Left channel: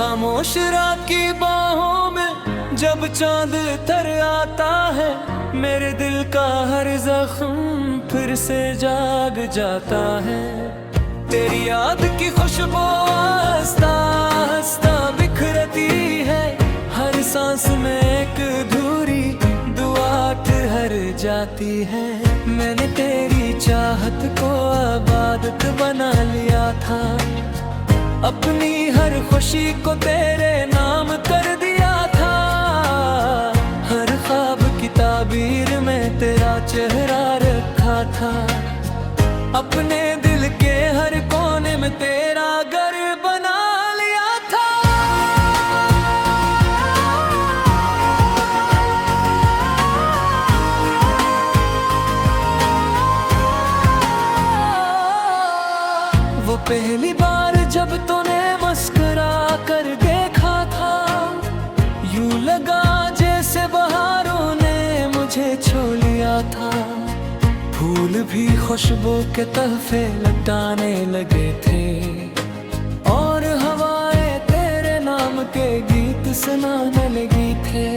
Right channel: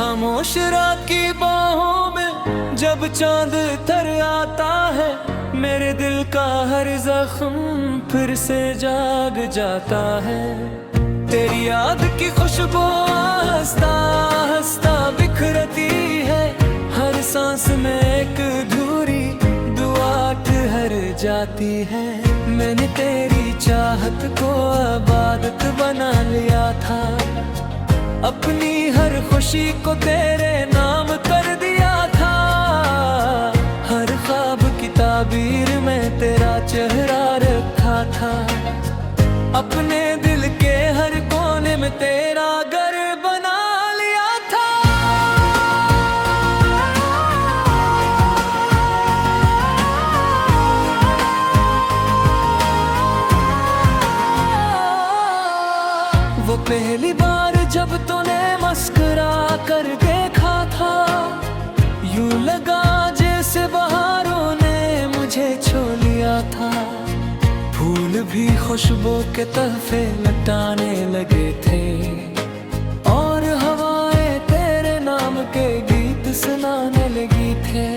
खामोश रात की बाहों में जब चांद तर आता है, मेरे दिल का हर जख्म फिर से जाग जाता है। तेरी याद की खुशबू हंसता हंसता बिखरती है, हर सांस में एक अधूरी दुआ ठहर जाती है। मैंने तेरी चाहत को इबादत बना लिया था, अपनी हर खुशी को तेरे नाम कर दिया था। हर ख्वाब की ताबीर में तेरा चेहरा रखा था, अपने दिल के हर कोने में तेरा घर बना लिया था। वो पहली बार जब तूने मुस्कुरा कर देखा था, यूं लगा जैसे बहारों ने मुझे छू लिया था। फूल भी खुशबू के तहफे लटाने लगे थे, और हवाएं तेरे नाम के गीत सुनाने लगी थे।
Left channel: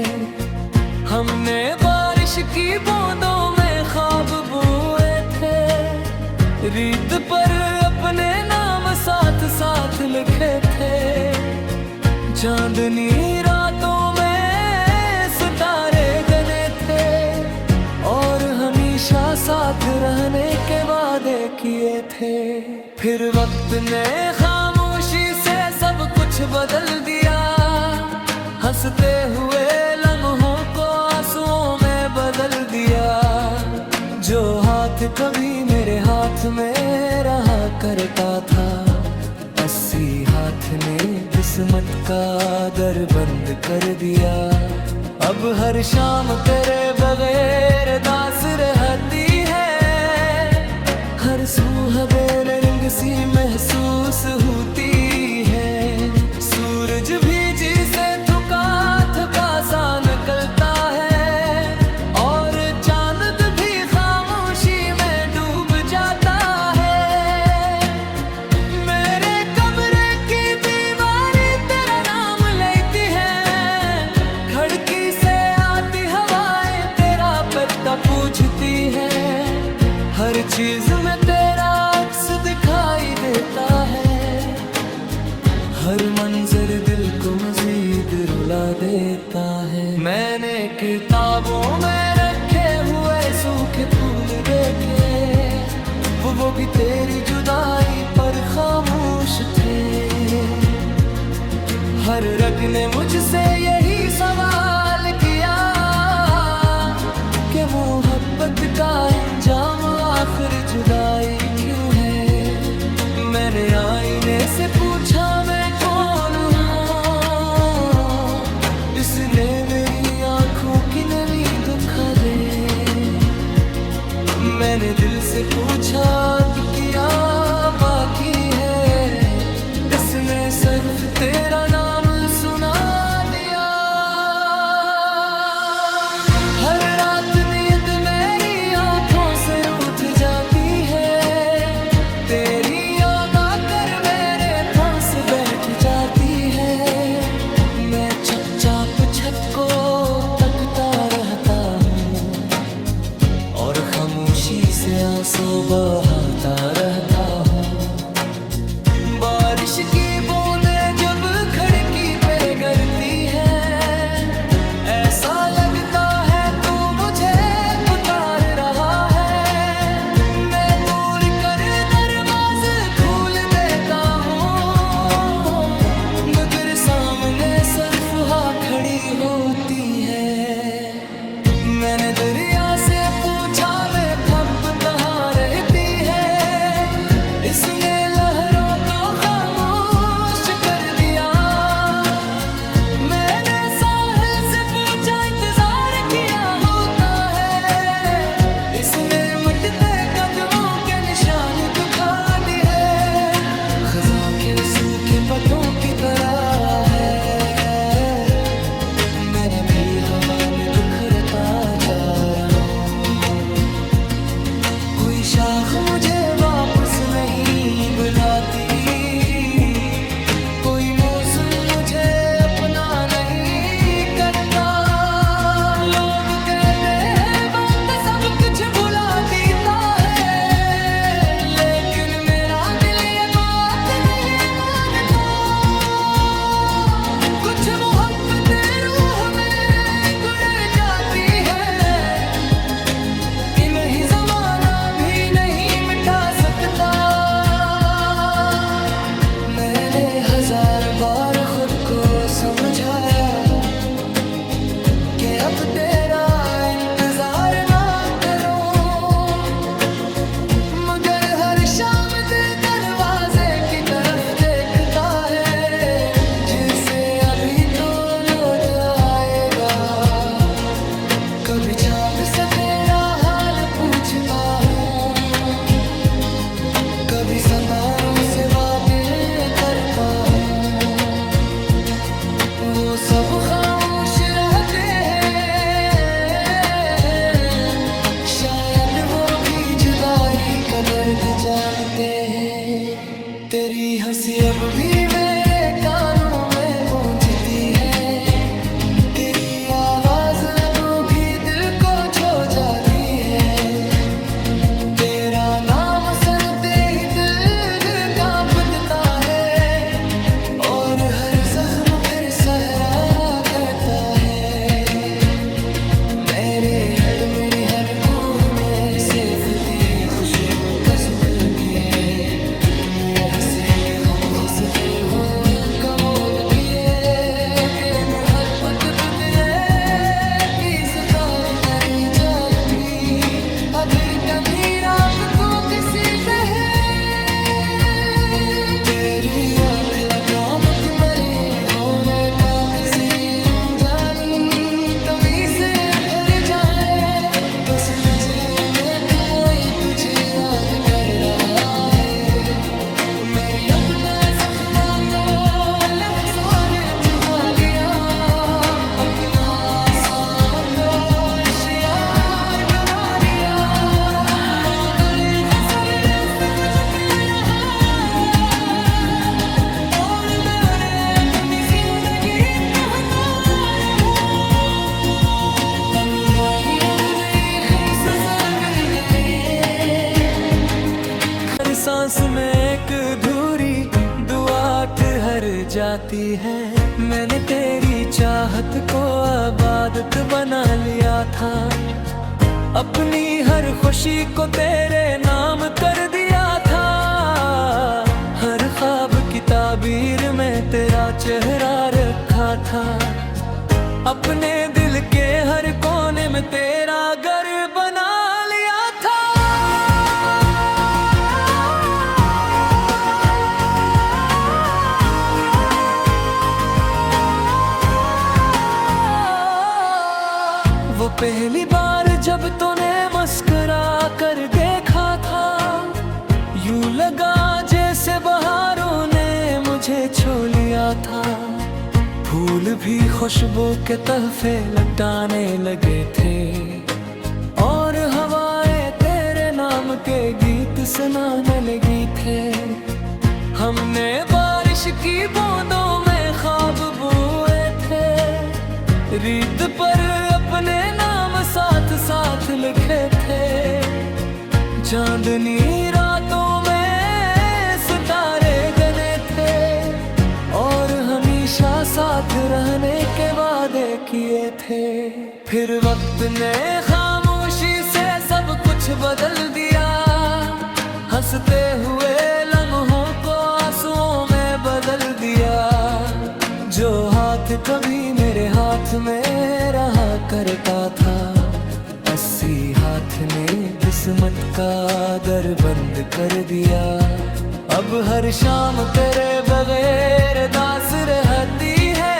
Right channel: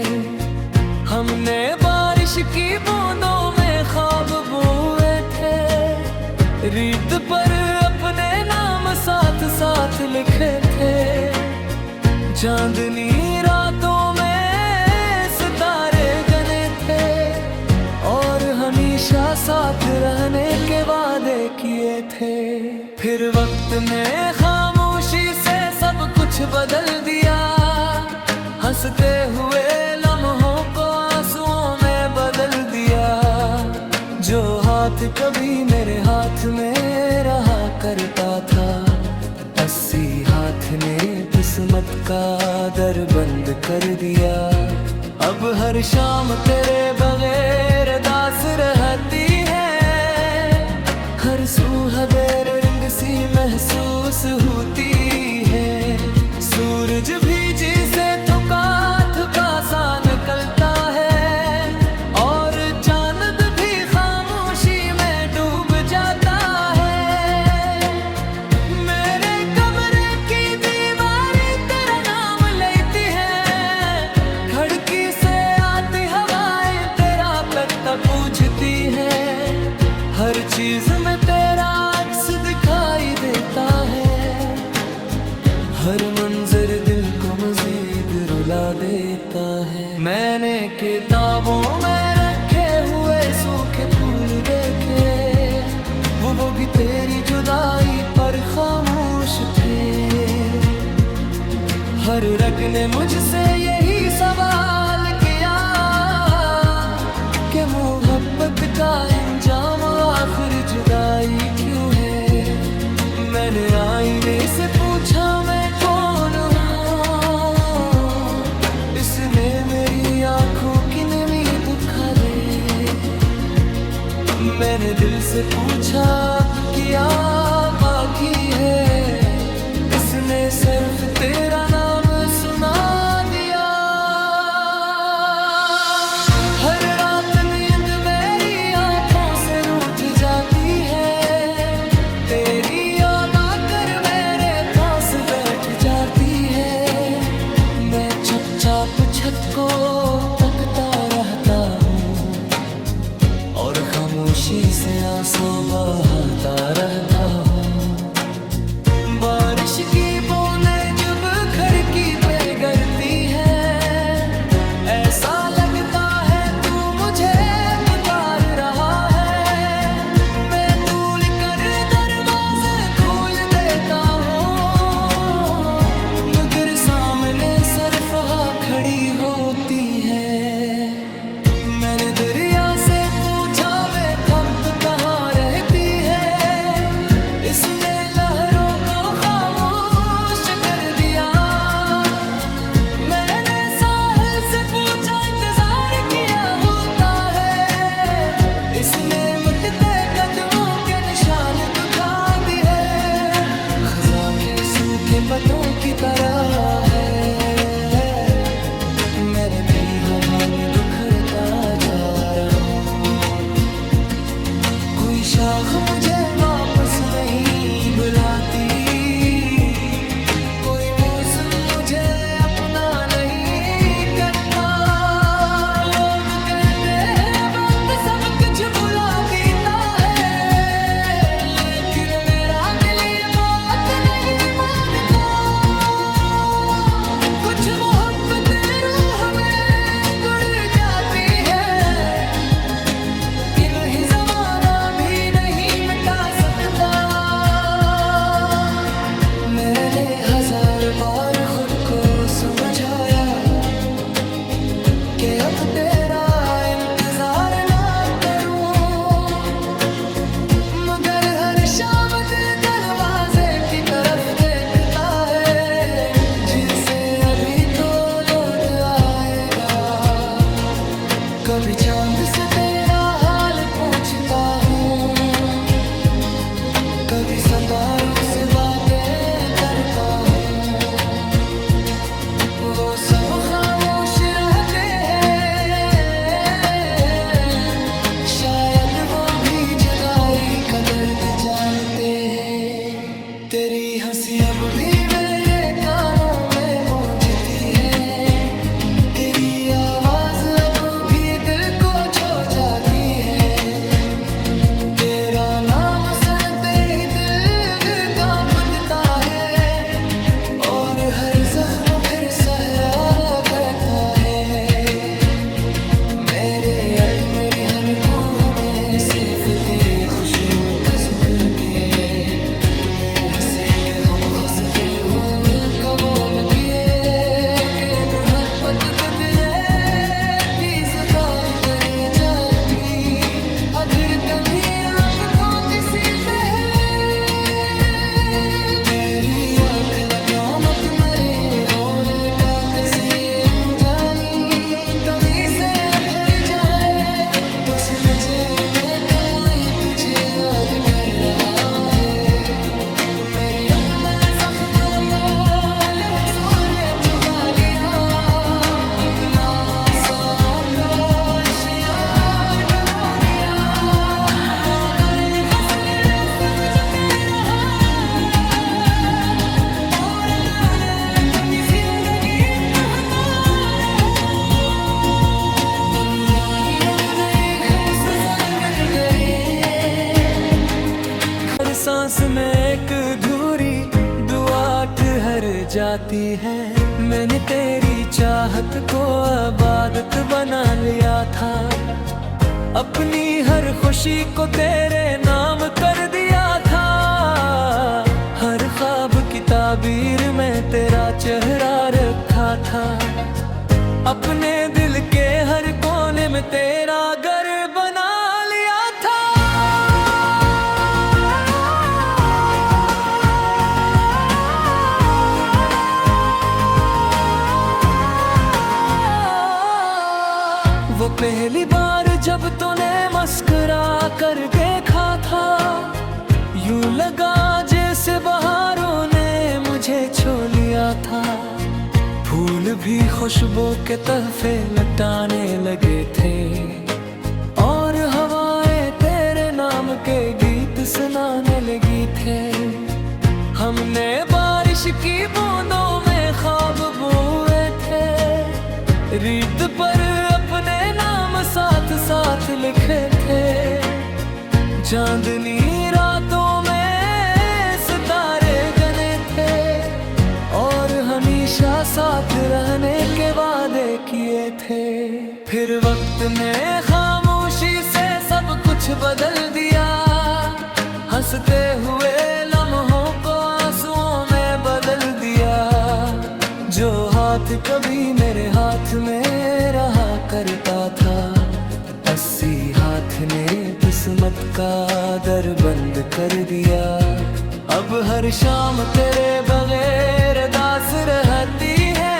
हमने बारिश की बूंदों में ख्वाब बुए थे, रीत पर अपने नाम साथ साथ लिखे थे। चांदनी रातों में सितारे गने थे, और हमेशा साथ रहने के वादे किए थे। फिर वक्त ने खामोशी से सब कुछ बदल दिया, हंसते हुए लम्हों को आंसुओं में बदल दिया। जो हाथ कभी मेरे हाथ में रहा करता था, 80 हाथ ने किस्मत का दर बंद कर दिया। अब हर शाम तेरे बगैर दास रहती है, हर सुबह रंग सी महसूस होती है। सूरज भी जिसे थका थका सा निकलता है, और चांद भी खामोशी में डूब जाता है। मेरे कमरे की दीवारी तेरा नाम लेती है, खिड़की से आती हवाएं तेरा पता पूछती है। हर चीज में तेरा अक्स दिखाई देता है, हर मंजर दिल को मजीद रुला देता है। मैंने किताबों में रखे हुए सूखे फूल देखे, वो भी तेरी जुदाई पर खामोश थे। हर रग ने मुझसे यही सवाल किया कि मोहब्बत का इंजाम आखिर जुदाई क्यों है। मैंने आईने से पूछा मैं कौन हूँ, इसने मेरी आंखों की नमी दुखा दे। मैंने दिल से पूछा अब क्या बाकी है, इसने सिर्फ तेरा नाम सुना दिया। हर रात नींद मेरी आंखों से रूठ जाती है, तेरी बैठ जाती है। मैं चुपचाप छत को तकता रहता हूँ, और खामोशी से आंसू बहाता रहता हूँ। बारिश की बूंदें जब खिड़की पे गिरती है, ऐसा लगता है तू मुझे पुकार रहा है। सामने सिर्फ खड़ी होती है। मैंने दरिया से पूछा मैं अब कहाँ रहती है, इसने लहरों को खामोश कर दिया। मैंने साहिल से पूछा इंतजार किया होता है, इसने मिटते कदमों के निशान दिखा दिए। खज़ां के सूखे पत्तों की तरह है, मैं भी हवा में बिखरता जा रहा हूँ। कोई शाख मुझे वापस नहीं बुलाती, कोई मौसम मुझे मैंने हजार बार खुद को समझाया कि अब तेरा इंतजार ना करूं, मगर हर शाम दिल दरवाजे की तरफ देखता है, जिसे अभी तो लौट आएगा। कभी चांद से तेरा हाल पूछता हूँ, कभी सितारों से बातें करता हूँ, वो सब खामोश रहते हैं, शायद वो भी जुदाई का दर्द जानते हैं। तेरी हंसी अब भी मेरे कानों में गूंजती है, तेरी आवाज अब भी दिल को छू जाती है, तेरा नाम सुनते ही दिल कांपता है, और हर जख्म फिर सहरा करता है। मेरे अत मेरी हनकों में सिर्फ तेरी खुशियों बसत किए, तुम्हें हंसे के हम हंस के हो कबूल किए, के मोहब्बत बदले की जुबान करे जाएगी, अधर कमीर आपको किसी तरह, तेरी आँख लकामत मरे हो रे का किसी जानी, तभी से फिर जाए तो समझे मैं तो आई तुझे याद कर रहा है। मेरी अपना जख्मा को लफ्ज़ों ने छुपा लिया, अपना साको इश्यार बना लिया, मातले फसल सिर्फ झुके रहा, और मैंने अपनी जिंदगी कहता रहा, तन्हाई अब गई है सफर दिन दरे, हर सांस में एक अधूरी दुआ ठहर जाती है। मैंने तेरी चाहत को इबादत बना लिया था, अपनी हर खुशी को तेरे नाम कर दिया था, हर ख्वाब की ताबीर में तेरा चेहरा रखा था, अपने दिल के हर कोने में तेरा घर बना लिया था। वो पहली बार जब तूने मुस्कुरा कर देखा था, यूं लगा जैसे बहारों ने मुझे छू लिया था, फूल भी खुशबू के तहफे लटाने लगे थे, और हवाएं तेरे नाम के गीत सुनाने लगी थे, हमने बारिश की बूंदों में ख्वाब बुए थे, रीत पर अपने नाम साथ साथ लिखे थे, चांदनी रातों में सितारे गने थे, और हमेशा साथ रहने के वादे किए थे। फिर वक्त ने खामोशी से सब कुछ बदल दिया, हंसते हुए लम्हों को आंसुओं में बदल दिया, जो हाथ कभी मेरे हाथ में रहा करता था, 80 हाथ ने किस्मत का दर बंद कर दिया, अब हर शाम तेरे बगैर दास रहती है,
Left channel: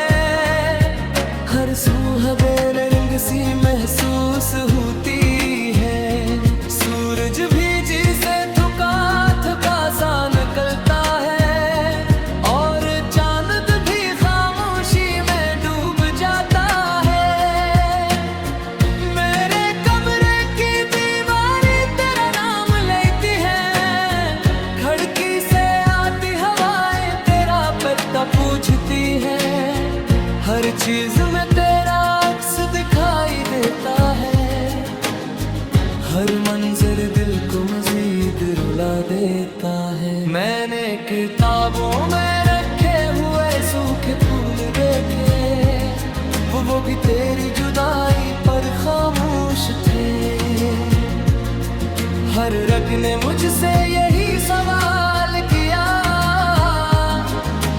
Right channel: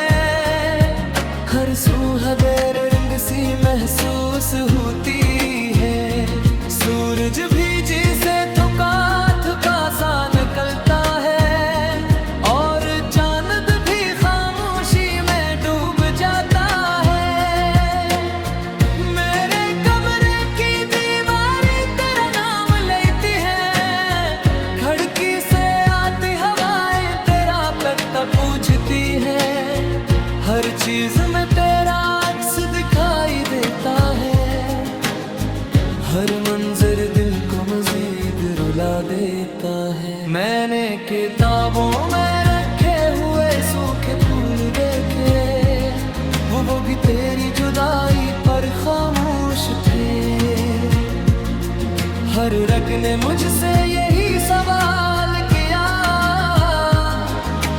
हर सुबह रंग सी महसूस होती है, सूरज भी जिसे थका थका सा निकलता है, और चांद भी खामोशी में डूब जाता है, मेरे कमरे की दीवारें तेरा नाम लेती है, खिड़की से आती हवाएं तेरा पता पूछती है, हर चीज में तेरा अक्स दिखाई देता है, हर मंजर दिल को मजीद रुला देता है। मैंने किताबों में रखे हुए सूखे फूल देखे, वो भी तेरी जुदाई पर खामोश थे, हर रग ने मुझसे यही सवाल किया,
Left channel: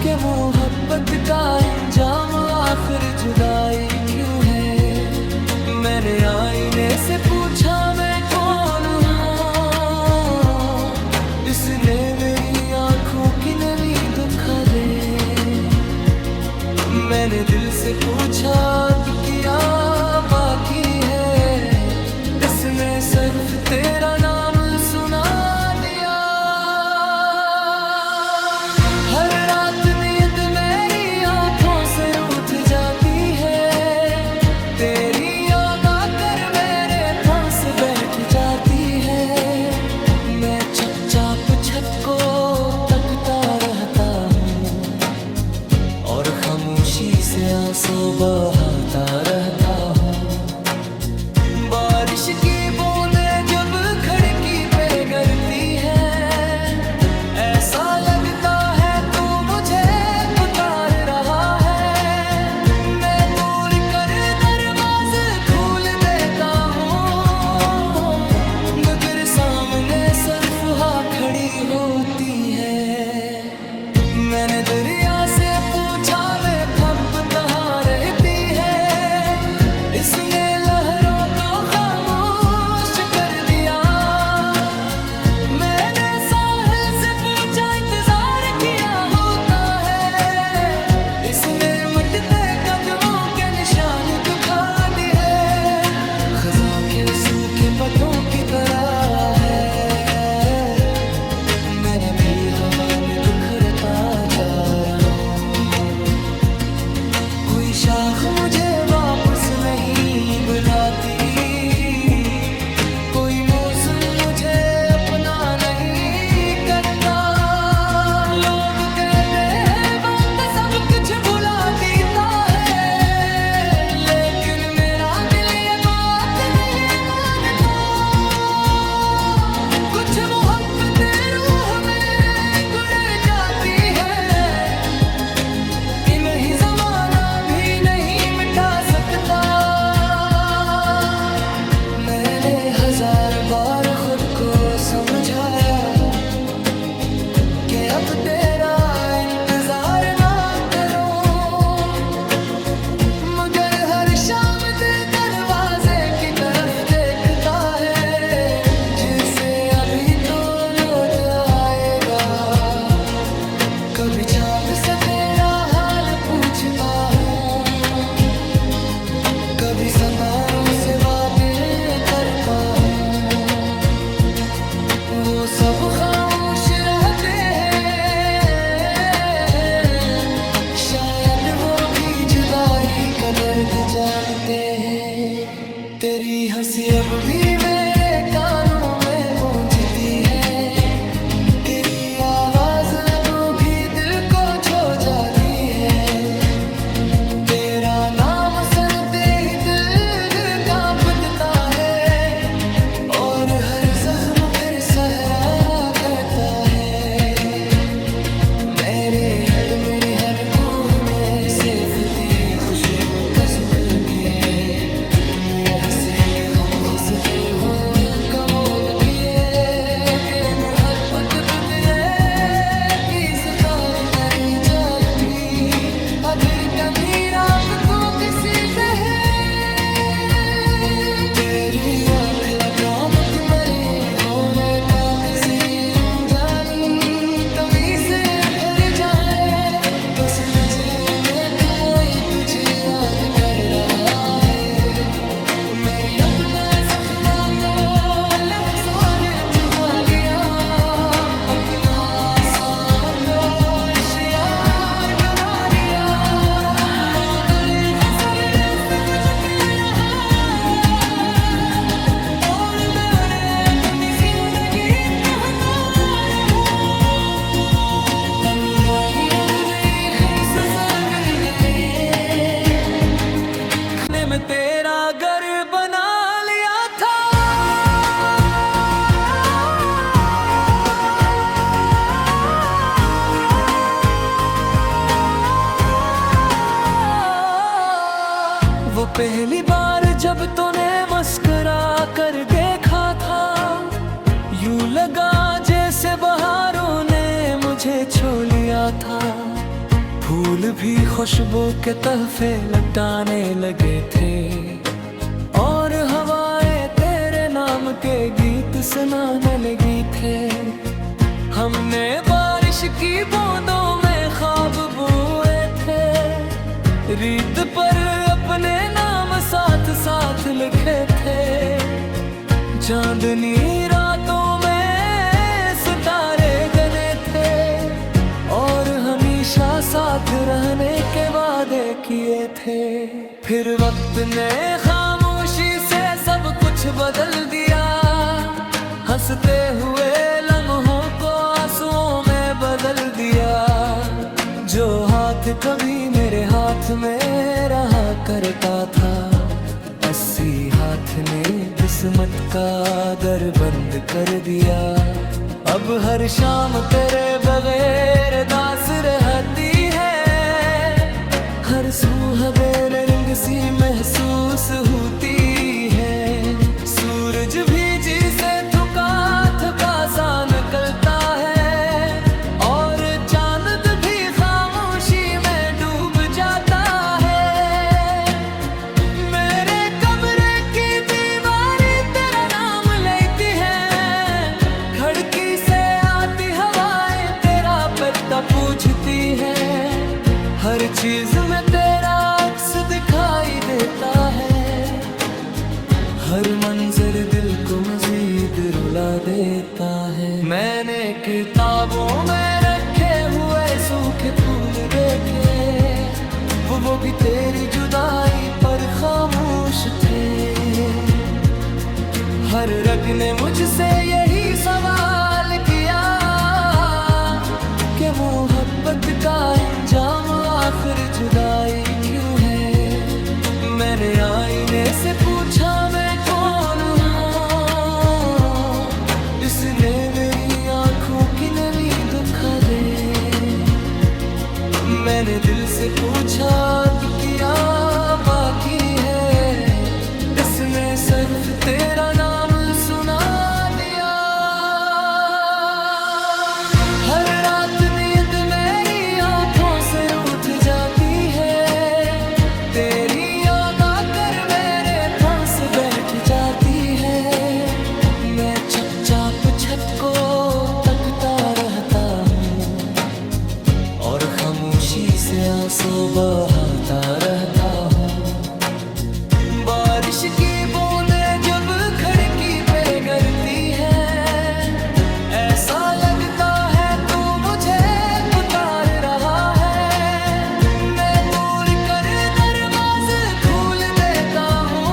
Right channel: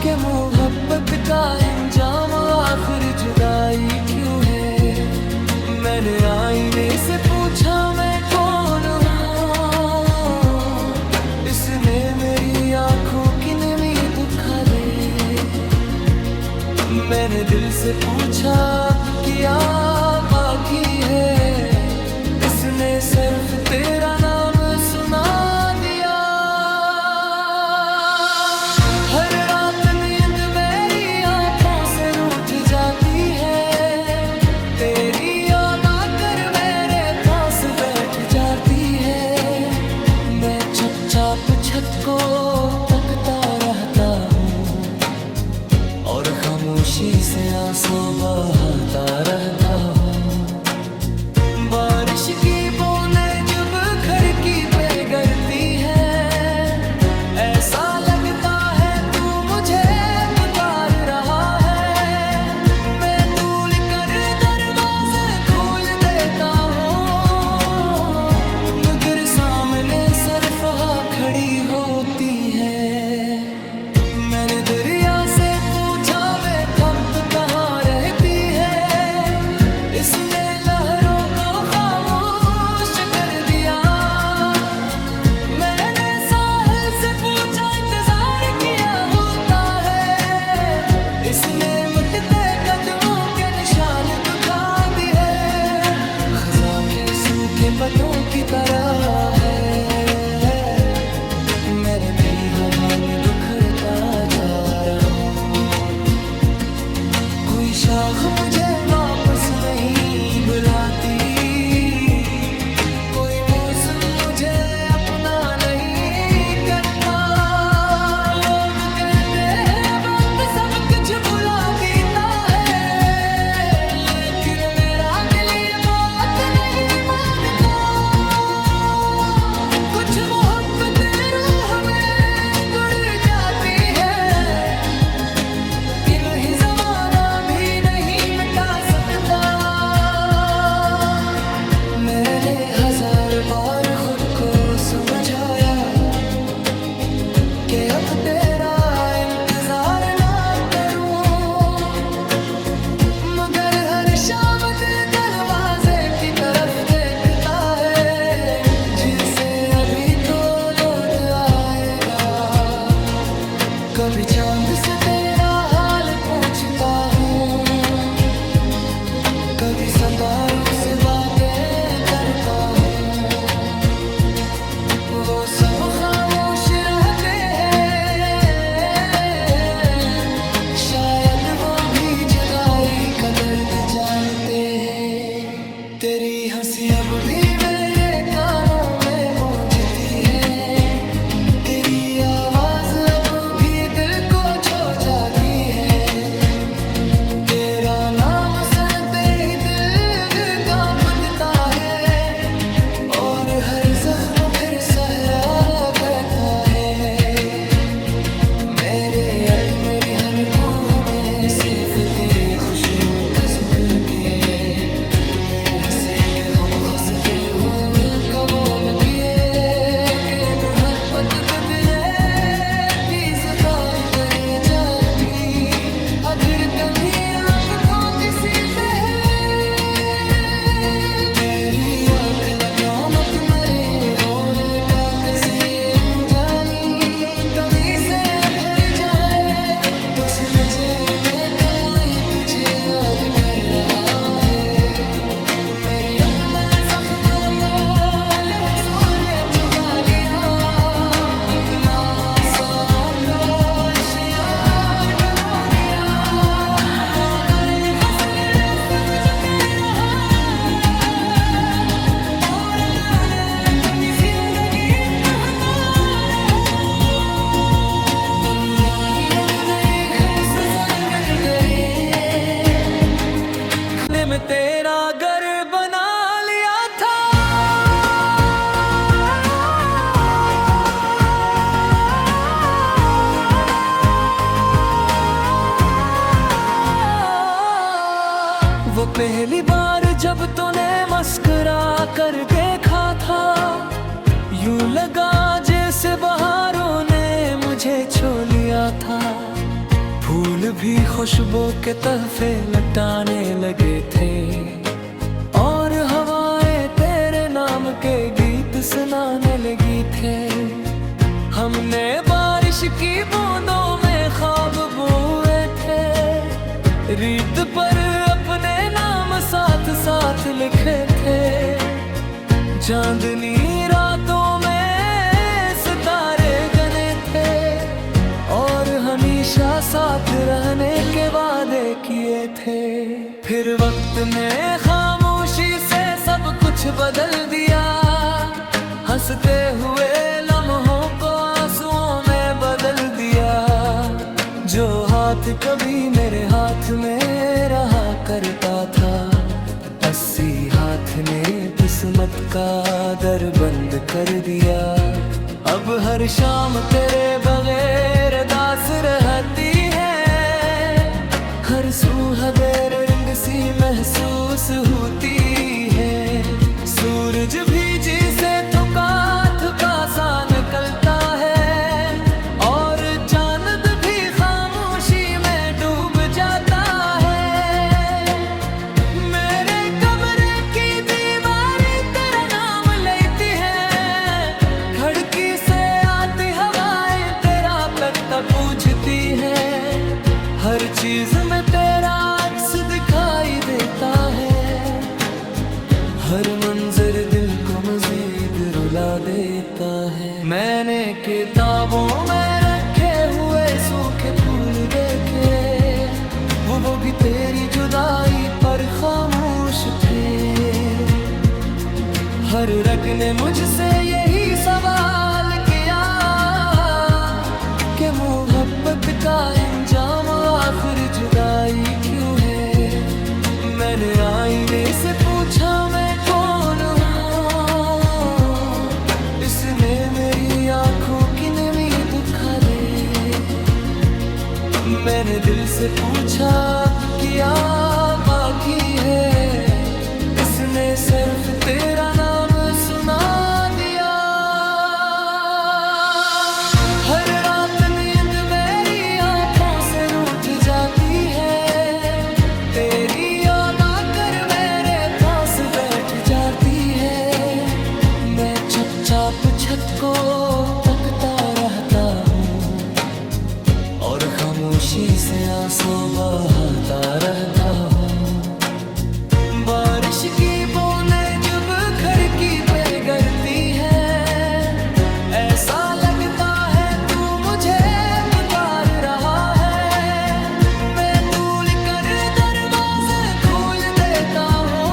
के मोहब्बत का इंजाम आखिर जुदाई क्यों है। मैंने आईने से पूछा मैं कौन हूँ, इसने मेरी आंखों की नमी दुखा दे। मैंने दिल से पूछा अब क्या बाकी है, इसने सिर्फ तेरा नाम सुना दिया। हर रात नींद मेरी आंखों से रूठ जाती है, तेरी याद आकर मेरे पास बैठ जाती है। मैं चुपचाप छत को तकता रहता हूँ और खामोशी से आंसू बहाता रहता हूँ। बारिश की बूंदें जब खिड़की पे गिरती है, ऐसा लगता है तू मुझे पुकार रहा है। मैं भूल कर दरवाजे खोल देता हूँ, मगर सामने सिर्फ हाँ खड़ी होती है। मैंने दरिया से पूछा मैं अब कहाँ रहती है, इसने लहरों को खामोश कर दिया। मैंने साहिल से पूछा इंतजार किया होता है, इसने मिटते कदमों के निशान दिखा दिए। खज़ां के सूखे पत्तों की तरह है, मैं भी हवा में बिखरता जा रहा हूँ। कोई शाख मुझे वापस नहीं बुलाती, कोई मौसम मुझे अपना नहीं करता। लोग कहते हैं वक्त सब कुछ भुला देता है, लेकिन मेरा दिल ये बात नहीं मानता। कुछ मोहब्बत रूह में गुड़ जाती है, इन्हीं जमाना भी नहीं मिटा सकता। मैंने 1000 बार खुद को समझाया कि अब तेरा इंतजार ना करूं, मगर हर शाम दिल दरवाजे की तरफ देखता है, जिसे अभी तो लौट आएगा। कभी चांद से तेरा हाल पूछता हूँ, कभी सितारों से बातें करता हूँ, वो सब खामोश रहते हैं। शायद वो भी जुदाई का दर्द जानते हैं। तेरी हंसी अब भी मेरे कानों में गूंजती है, तेरी आवाज अब भी दिल को छू जाती है। तेरा नाम सुनते ही दिल कांपता है, और हर जख्म फिर सहरा करता है। मेरे यत मेरी हनकों में सिर्फ तेरी खुशियों का जिक्र किए, तुम्हें हंसे के हम खुशकिल हो कबूल किए, के मोहब्बत बदले की ज़बान करे जाती। अधर कमीर आपको किसी तरह तेरी आँख लकामत मरे हो रे का किसी जानी तभी से फिर जाए तो समझे मैं तू आई तुझे याद कर रहा है। मेरी अपना जख्मा को लफ्ज़ों ने छुपा लिया, अपना सांपों में तेरा घर बना लिया था। वो पहली बार जब तूने मुस्कुरा कर देखा था, यूं लगा जैसे बहारों ने मुझे छू लिया था। फूल भी खुशबू के तहफे लटाने लगे थे, और हवाएं तेरे नाम के गीत सुनाने लगी थे। हमने बारिश की बूंदों में ख्वाब बुए थे, रीत पर अपने नाम साथ साथ लिखे थे। चांदनी रातों में सितारे गने थे, और हमेशा साथ रहने के वादे किए थे। फिर वक्त ने खामोशी से सब कुछ बदल दिया, हंसते हुए लम्हों को आंसुओं में बदल दिया। जो हाथ कभी मेरे हाथ में रहा करता था, 80 हाथ ने किस्मत का दर बंद कर दिया। अब हर शाम तेरे बगैर दास रहती है, हर सुहागेर रंग सी महसूस होती है। सूरज भी जी से थका थका सा निकलता है, और चांद भी खामोशी में डूब जाता है। मेरे कमरे की दीवारें तेरा नाम लेती है, खिड़की से आती हवाएं तेरा पता पूछती है। हर चीज में तेरा अक्स दिखाई देता है, हर मंजर दिल को मजीद रुला देता है। मैंने किताबों में रखे हुए सूखे फूल देखे, वो भी तेरी जुदाई पर खामोश थे। हर रग ने मुझसे यही सवाल किया कि मोहब्बत का इंजाम आखिर जुदाई क्यों है। मैंने आईने से पूछा मैं कौन हूँ, इसने मेरी आंखों की नमी दुखा दे। मैंने दिल से पूछा अब क्या बाकी है, इसने सिर्फ तेरा नाम सुना दिया। हर रात नींद मेरी आंखों से रूठ जाती है, तेरी याद आकर मेरे पास बैठ जाती है। मैं चुपचाप छत को तकता रहता हूँ, और खामोशी से आंसू बहाता रहता हूँ। बारिश की बूंदें जब खिड़की पे गिरती है, ऐसा लगता है तू मुझे पुकार रहा है। मैं भूल कर दरवाजे खोल देता हूँ,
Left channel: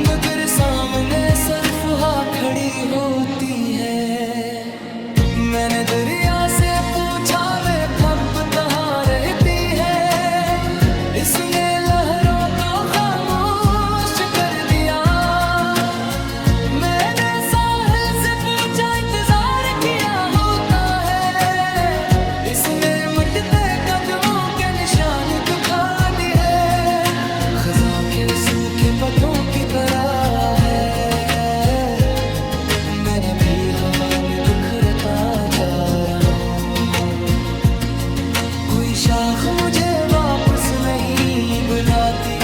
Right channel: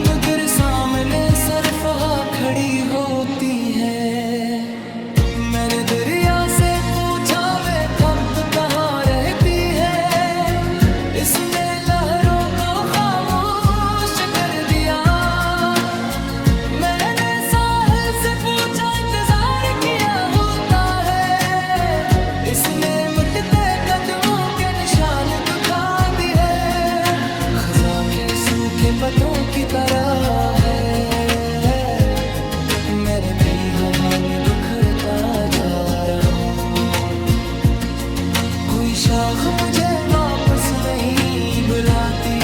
मगर सामने सिर्फ हवा खड़ी होती है। मैंने दरिया से पूछा मैं अब कहाँ रहती है, इसने लहरों को खामोश कर दिया। मैंने साहिल से पूछा इंतजार किया होता है, इसने मिटते कदमों के निशान दिखा दिए। खज़ा के सूखे पत्तों की तरह है, मैं भी हवा में बिखरता जा रहा हूँ। कोई शाख मुझे वापस नहीं बुलाती,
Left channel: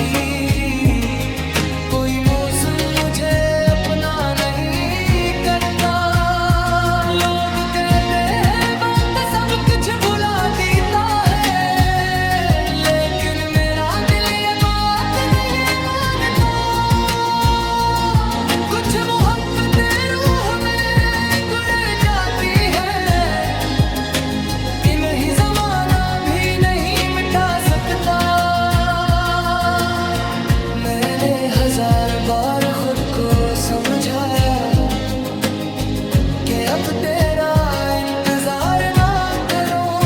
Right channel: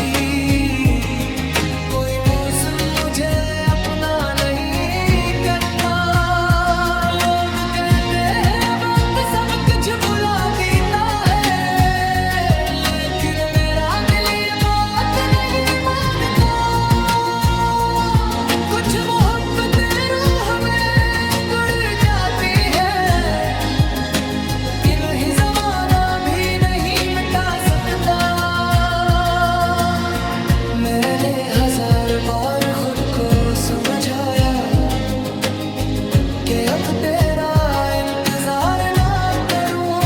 कोई मौसम मुझे अपना नहीं करता। लोग कहते हैं वक्त सब कुछ भुला देता है, लेकिन मेरा दिल ये बात नहीं मानता। कुछ मोहब्बत रूह में गुड़ जाती है, इन्हीं जमाना भी नहीं मिटा सकता। मैंने 1000 बार खुद को समझाया कि अब तेरा इंतजार ना करूं,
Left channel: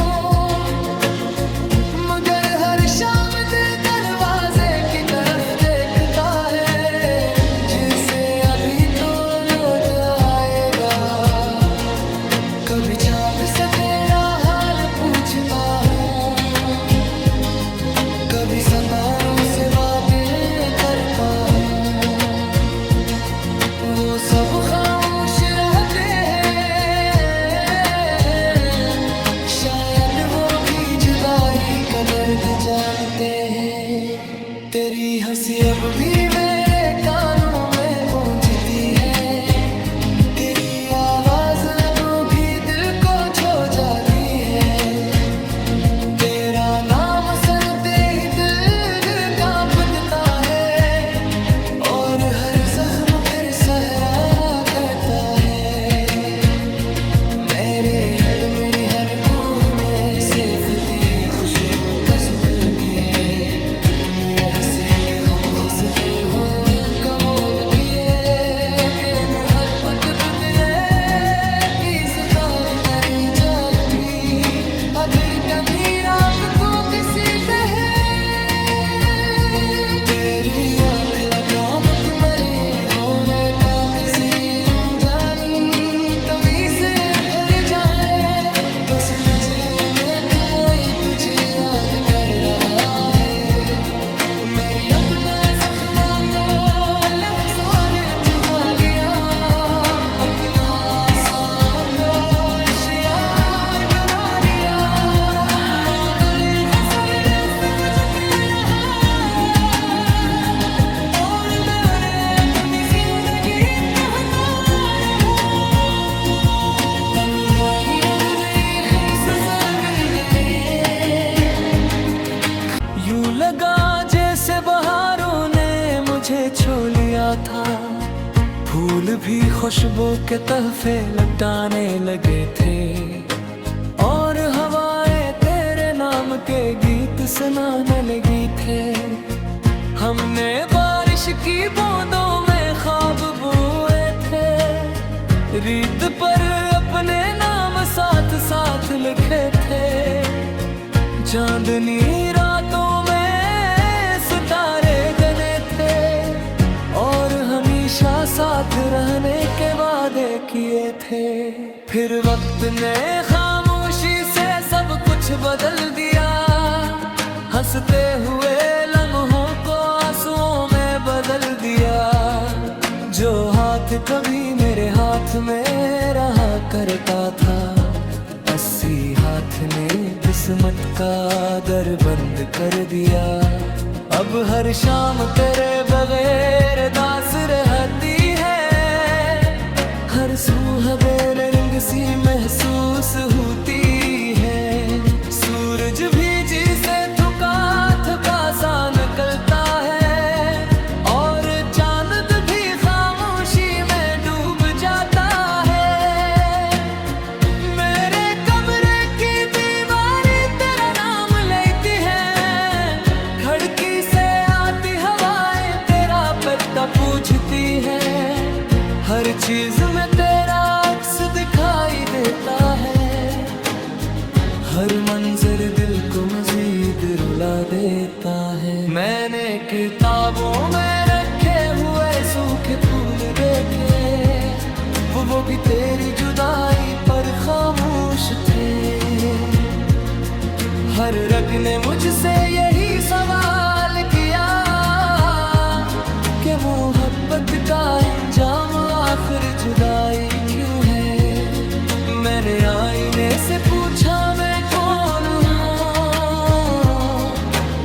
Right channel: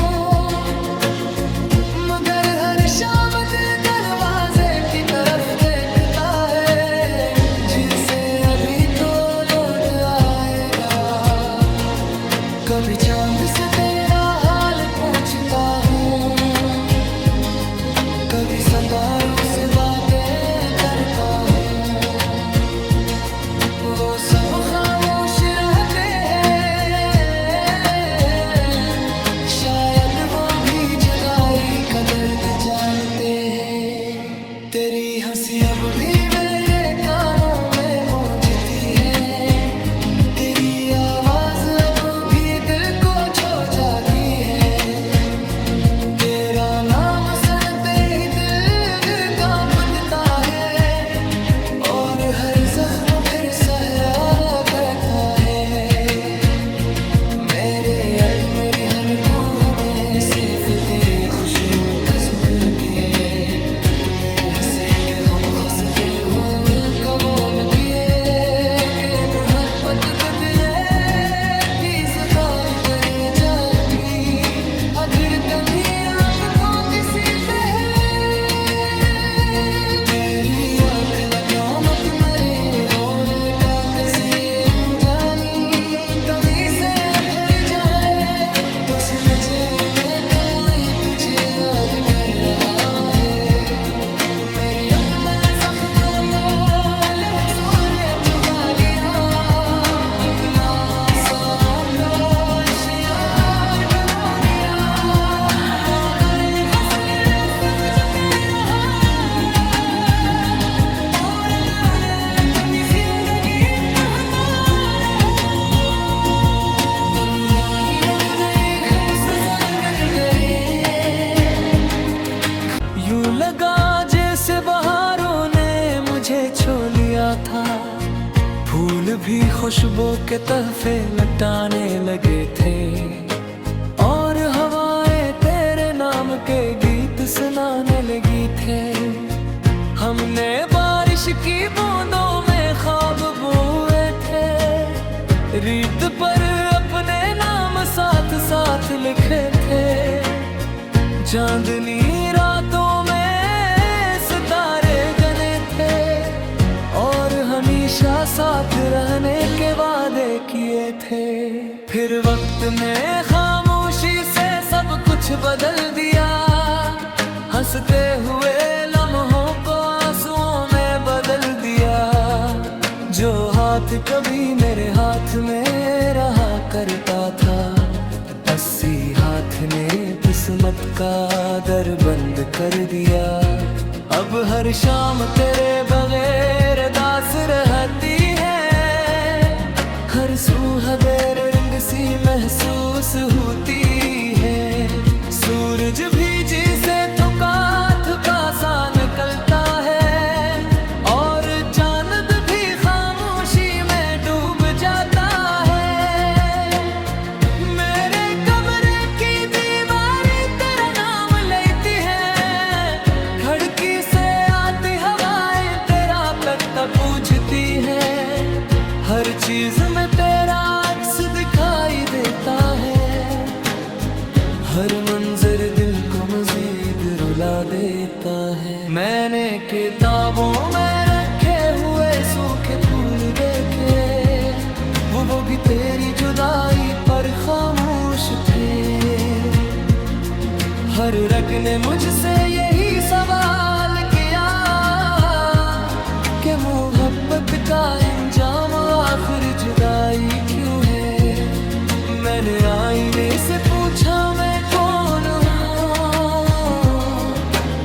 मगर हर शाम दिल दरवाजे की तरफ देखता है, जिसे अभी तो लौट आएगा। कभी चांद से तेरा हाल पूछता हूँ, कभी सितारों से बातें करता हूँ। वो सब खामोश रहते हैं, शायद वो भी जुदा जुदाई का दर्द जानते हैं। तेरी हंसी अब भी मेरे कानों में गूंजती है, तेरी आवाज अब भी दिल को छू जाती है। तेरा नाम सुनते ही दिल कांपता है, और हर जख्म फिर सहरा करता है। मेरे अत मेरी हनकों में सिर्फ तेरी खुशियों का जिक्र किए, पिट में हंसे के हम खुशकिल हो कबूल किए, के मोहब्बत बदले की जुबान करे जाती, अधर कमी रात को किसी तरह। तेरी आँख लकामत मरे हो रे का किसी जानी, तभी से तो समझे मैं तो आई तुझे याद कर रहा है। मेरी अपना जख्मा को लहू सारे छुपा लिया, अपना साको यार बना लिया। मातले फसल सिर्फ झुके रहा, और मैंने अपनी जिंदगी कहता रहा। तन्हाई अब यूं लगा जैसे बहारों ने मुझे छू लिया था, फूल भी खुशबू के तहफे लटाने लगे थे, और हवाएं तेरे नाम के गीत सुनाने लगी थे। हमने बारिश की बूंदों में ख्वाब बोए थे, रीत पर अपने नाम साथ साथ लिखे थे। चांदनी रातों में सितारे गने थे, और हमेशा साथ रहने के वादे किए थे। फिर वक्त ने खामोशी से सब कुछ बदल दिया, हंसते हुए लम्हों को आंसुओं में बदल दिया। जो हाथ कभी मेरे हाथ में रहा करता था, 80 हाथ ने किस्मत का दर बंद कर दिया। अब हर शाम तेरे बगैर दास रहती है, हर सुबह बेर रंग सी महसूस होती है। सूरज भी जी से थका थका सा निकलता है, और चांद भी खामोशी में डूब जाता है। पूछती है, हर चीज में तेरा अक्स दिखाई देता है, हर मंजर दिल को मजीद रुला देता है। मैंने किताबों में रखे हुए सूखे फूल देखे, वो भी तेरी जुदाई पर खामोश थे। हर रग ने मुझसे यही सवाल किया कि मोहब्बत का इंजाम आखिर जुदाई क्यों है। मैंने आईने से पूछा मैं कौन हूँ,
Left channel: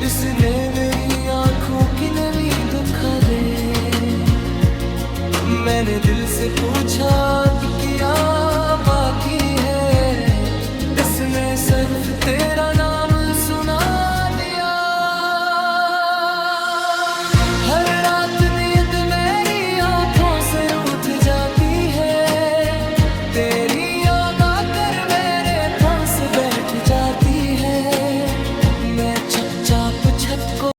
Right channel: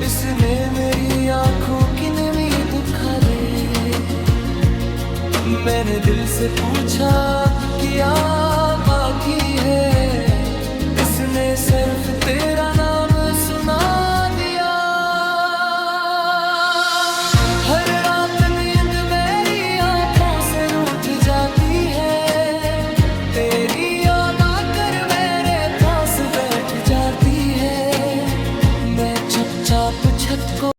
इसने मेरी आंखों की नमी दुखा दे। मैंने दिल से पूछा अब क्या बाकी है, इसने सिर्फ तेरा नाम सुना दिया। हर रात नींद मेरी आंखों से रूठ जाती है, तेरी याद आकर मेरे पास बैठ जाती है। मैं चुपचाप छत को